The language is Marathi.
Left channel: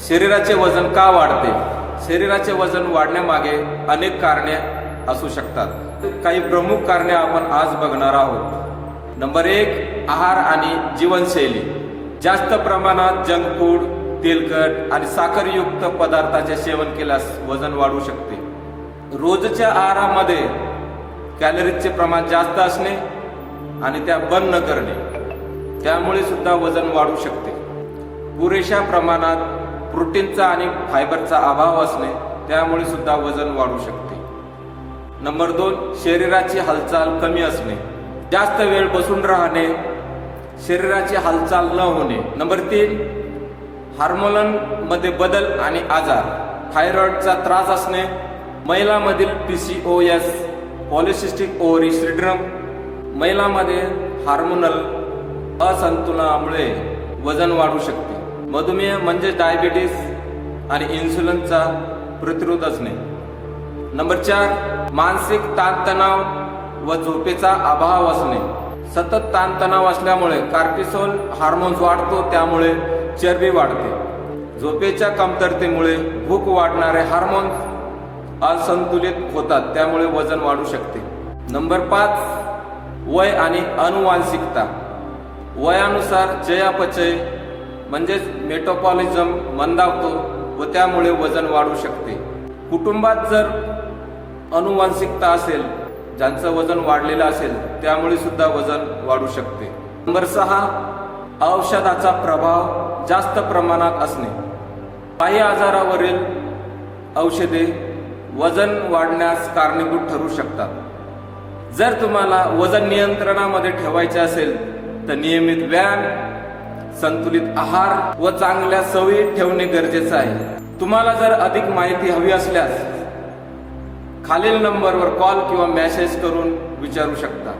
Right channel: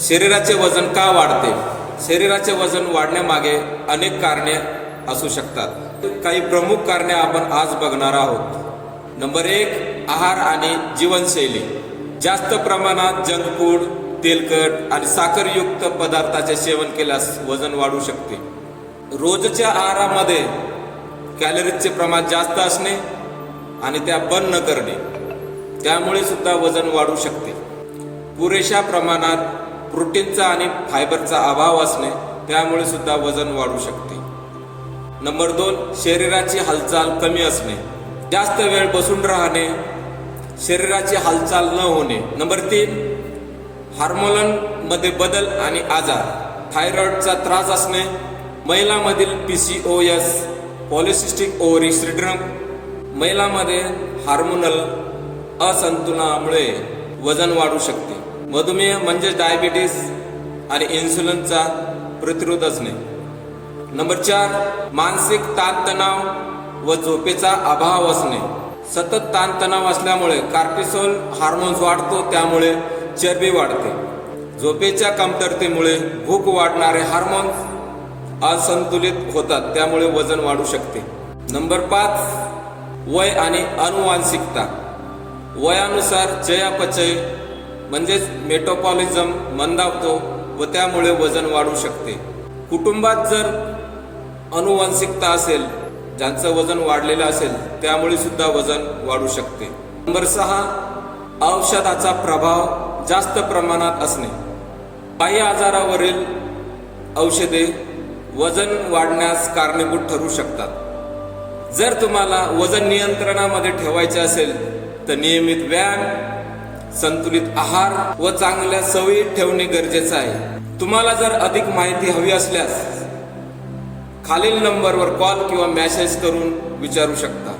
शरीराचे वजन का वाढते? शरीराचे वजन वाढण्यामागे अनेक कारणे असू शकतात. काही प्रमुख कारणे आपण आज बघणार आहोत. नंबर 1, आहार आणि जीवनशैली. जास्त प्रमाणात जंक फूड, तेलकट आणि साखरयुक्त पदार्थाचे सेवन केल्यास वजन वाढू शकते. रोजच्या आहारामध्ये कॅलरीजचे प्रमाण जास्त असणे आणि त्या बर्न न करणे, त्यामुळे सुद्धा वजन वाढू शकते. पुरेशा प्रमाणात प्रोटीनचा आणि फायबरचा अभाव असणे, त्यामुळे सुद्धा वजन वाढू शकते. नंबर 2, शरीराची हालचाल कमी असणे. जास्त वेळ बसून राहणे, शरीराची हालचाल न होणे. नंबर 3, हार्मोनमध्ये बदल आणि आजार. थायरॉइडचा त्रास असणे, महिलांमधील PCOS, पॉलिसिस्टिक ओव्हरी सिंड्रोम. महिलांमध्ये हार्मोनल असंतुलनामुळे वजन वाढू शकते. मधुमेह म्हणजे डायबिटीस आणि इन्सुलिनचा प्रतिरोध असणे. नंबर 4, मानसिक ताणतणाव व झोपेचा अभाव असणे. सतत ताणतणाव असल्यामुळे कॉर्टिसोल हार्मोन्स वाढतो, त्यामुळे चरबी वाढते. झोपेच्या कमतरतेमुळे भूक वाढणारे हार्मोन्स असंतुलित होतात, त्यामुळे वजन वाढू शकते. नंबर 5, वय आणि अनुवांशिकता. वयानुसार चयापचय म्हणजेच मेटाबॉलिझम मंदावतो व त्यामुळे वजन वाढू शकते. कुटुंबात जर अनुवांशिकता असेल, ज्यांचं वजन वाढलेलं असेल, त्यामुळे सुद्धा वजन वाढू शकते. नंबर 6, औषधाचा प्रभाव जास्त प्रमाणात असणे. काही आजारावरील औषधे वजन वाढण्यास कारणीभूत ठरू शकतात. जर तुम्हाला वजन नियंत्रणामध्ये ठेवायचे असेल तर नियमित व्यायाम, संतुलित आहार व चांगल्या सवयी ठेवणे गरजेचे आहे. तुम्हाला जर अधिक माहिती हवी असल्यास खालील नंबरवर कॉल किंवा मेसेज करून विचारू शकता.